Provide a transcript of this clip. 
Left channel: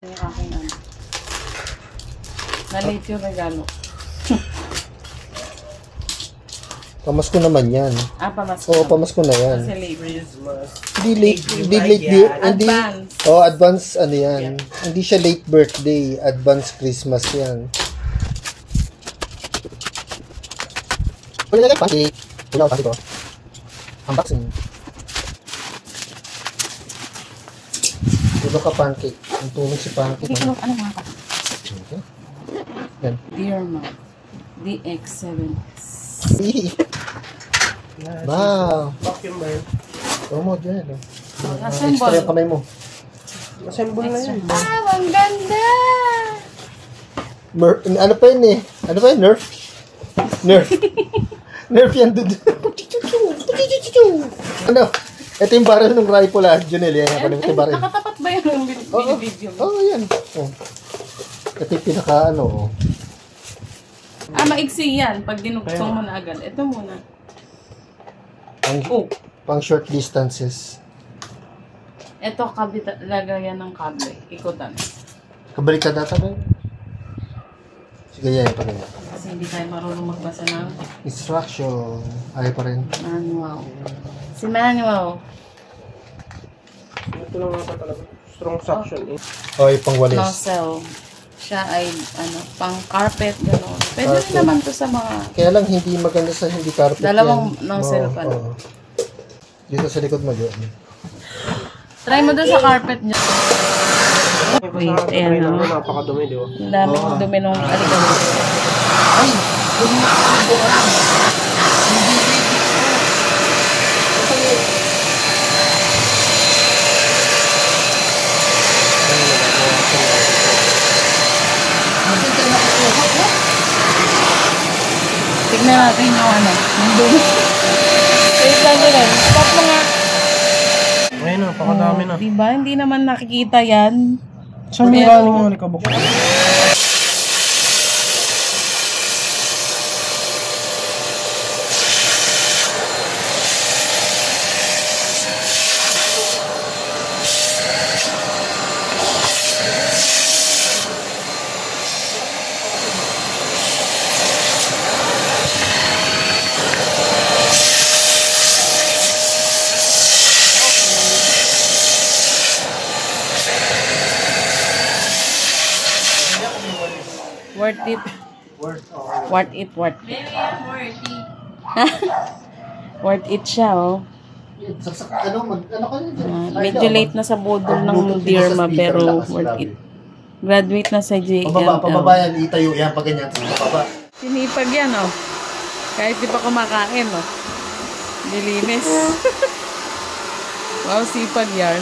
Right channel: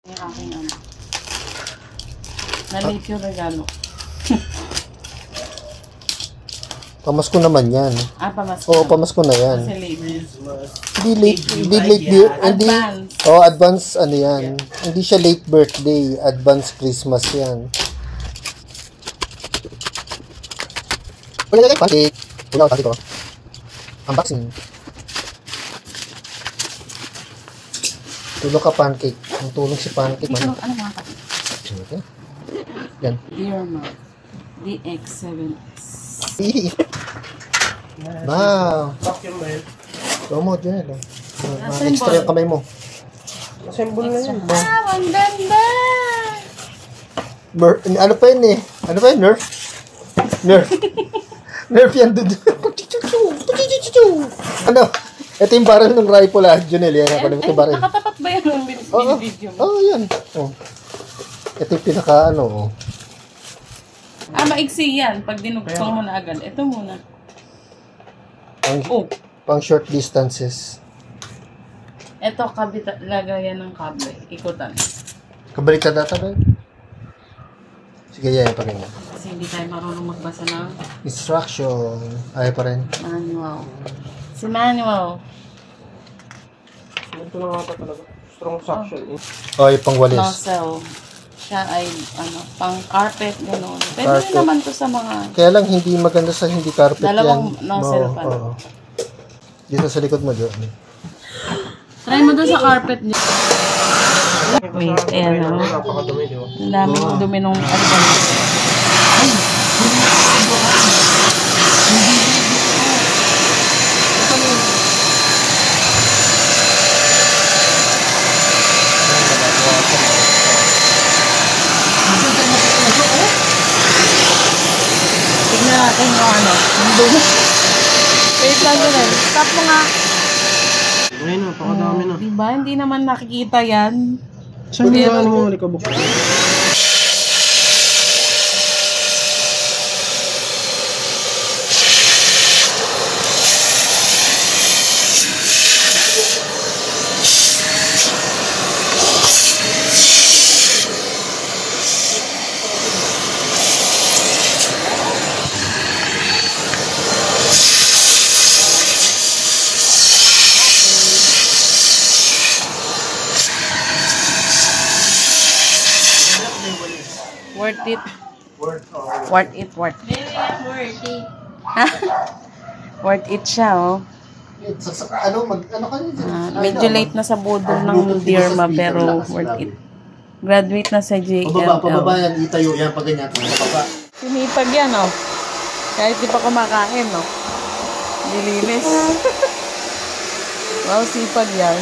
Yung aking ano. Na-late yung regalo. Pamasko naman yan. Pamasko. Oo, pamasko na yan. Kasi late. Hindi late, hindi late year. Hindi, advance ano yan. Hindi siya late birthday. Advance Christmas yan. Wala pancake. Wala pancake ko. Unboxing. Tulong ka pancake. Ang tulong si pancake. Ito, ano nga ka? Okay. Yan. Dear Mom. DX7. Wow. Promote yun eh. Extra yung kamay mo. Assemble na yan. Ang ganda! Ano pa yun eh? Ano pa yun? Nerf? Nerf. Nerf yan doon. Ano? Ito yung barrel ng rifle ah. Junel, yan. Nakatapat ba yun ang video mo? Oo, yan. Oh. Ito yung pinaka ano. Maigsi yan. Pag dinugtong mo na agad. Ito muna. Pang short distances. Ito, lagayan ng kable. Ikutan. Kabaliktad data ba? Sige, yan pa rin. Kasi hindi tayo marunong magbasa ng Instruction. Ay pa rin. manual. Si Manuel. Ito lang ata talaga. Strong suction. Ay, pang walis. Nozzle. Siya ay, pang carpet, gano'n. Pwede rin naman to sa mga... Kaya lang hindi maganda sa hindi carpet Dalawang yan. nozzle pa. Dito sa likod mo, Joe. Try mo doon sa carpet niyo. Wait, ayan o. Napakadumi, di ba? Ang daming dumi nung... Ano ba? Ay! Tignan natin yung yung dumi. Wait lang yun. Stop mo nga. Ayun, napakadami na. Diba? Hindi naman nakikita yan. Saan niya ang likabok? Worth it. Worth it. Worth it siya, oh. Ano ka rin? Medyo late na sa budol ng Dirma, pero worth it. Graduate na sa JLL. Pababa yan, itayo yan, pag ganyan. Pababa. Sinipag yan, oh. Kahit di pa kumakain, oh. Dilinis. Wow, sipag yan.